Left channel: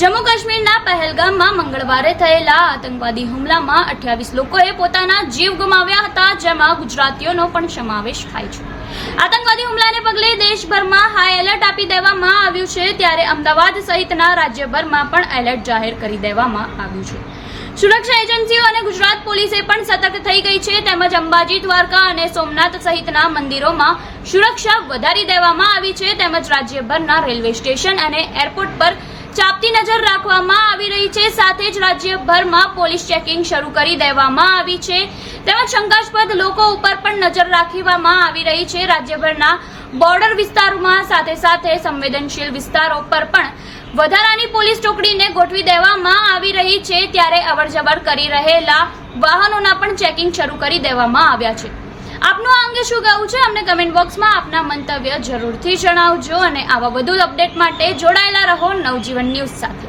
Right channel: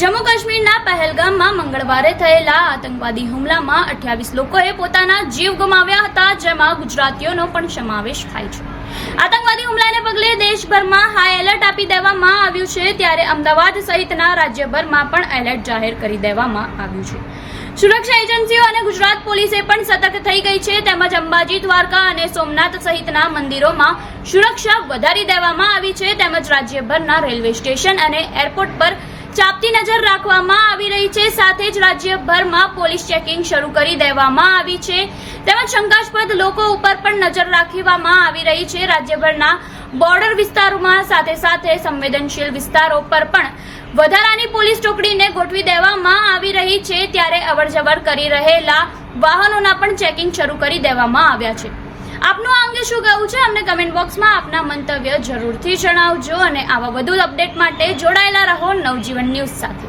જમ્મુ કાશ્મીરના પહેલગામમાં મંગળવારે થયેલા આતંકવાદી હુમલામાં 28 લોકોએ પોતાના જીવ ગુમાવ્યા હતા, જેમાં ગુજરાતીઓનો પણ સમાવેશ થાય છે। આતંકવાદી હુમલાને પગલે દેશભરમાં હાઈ એલર્ટ આપી દેવામાં આવ્યું છે, ત્યારે અમદાવાદ સહિતના રાજ્યભરમાં પણ એલર્ટ જાહેર કરી દેવામાં આવ્યું છે। સુરક્ષા એજન્સીઓ અને ગુજરાત પોલીસે પણ સતર્ક થઈ ગઈ છે, તેમજ અંબાજી, દ્વારકા અને સોમનાથ સહિતના મંદિરોમાં સુરક્ષા વધારી દેવામાં આવી છે, તેમજ રાજ્યભરના રેલવે સ્ટેશન અને એરપોર્ટ પર ચાંપતી નજર રાખવામાં આવી રહી છે। સાથે જ રાજ્યભરમાં પોલીસ ચેકિંગ શરૂ કરી દેવામાં આવી છે, તેમજ શંકાસ્પદ લોકો ઉપર પણ નજર રાખવામાં આવી રહી છે। રાજ્યભરના બોર્ડર વિસ્તારોમાં સાથે સંવેદનશીલ વિસ્તારો પર પણ વધારાની પોલીસ ચોકડીને ગોઠવી દેવામાં આવી રહી છે, ત્યારે અવરજવર કરી રહેલા વાહનોના પણ ચેકિંગ શરૂ કરી દેવામાં આવ્યા છે। આપનું આ અંગે શું કહેવું છે, અમને કમેન્ટ બોક્સમાં આપના મંતવ્ય જરૂરથી જણાવજો અને આવા વધુ અપડેટ માટે જોડાયેલા રહો નવજીવન ન્યૂઝ સાથે।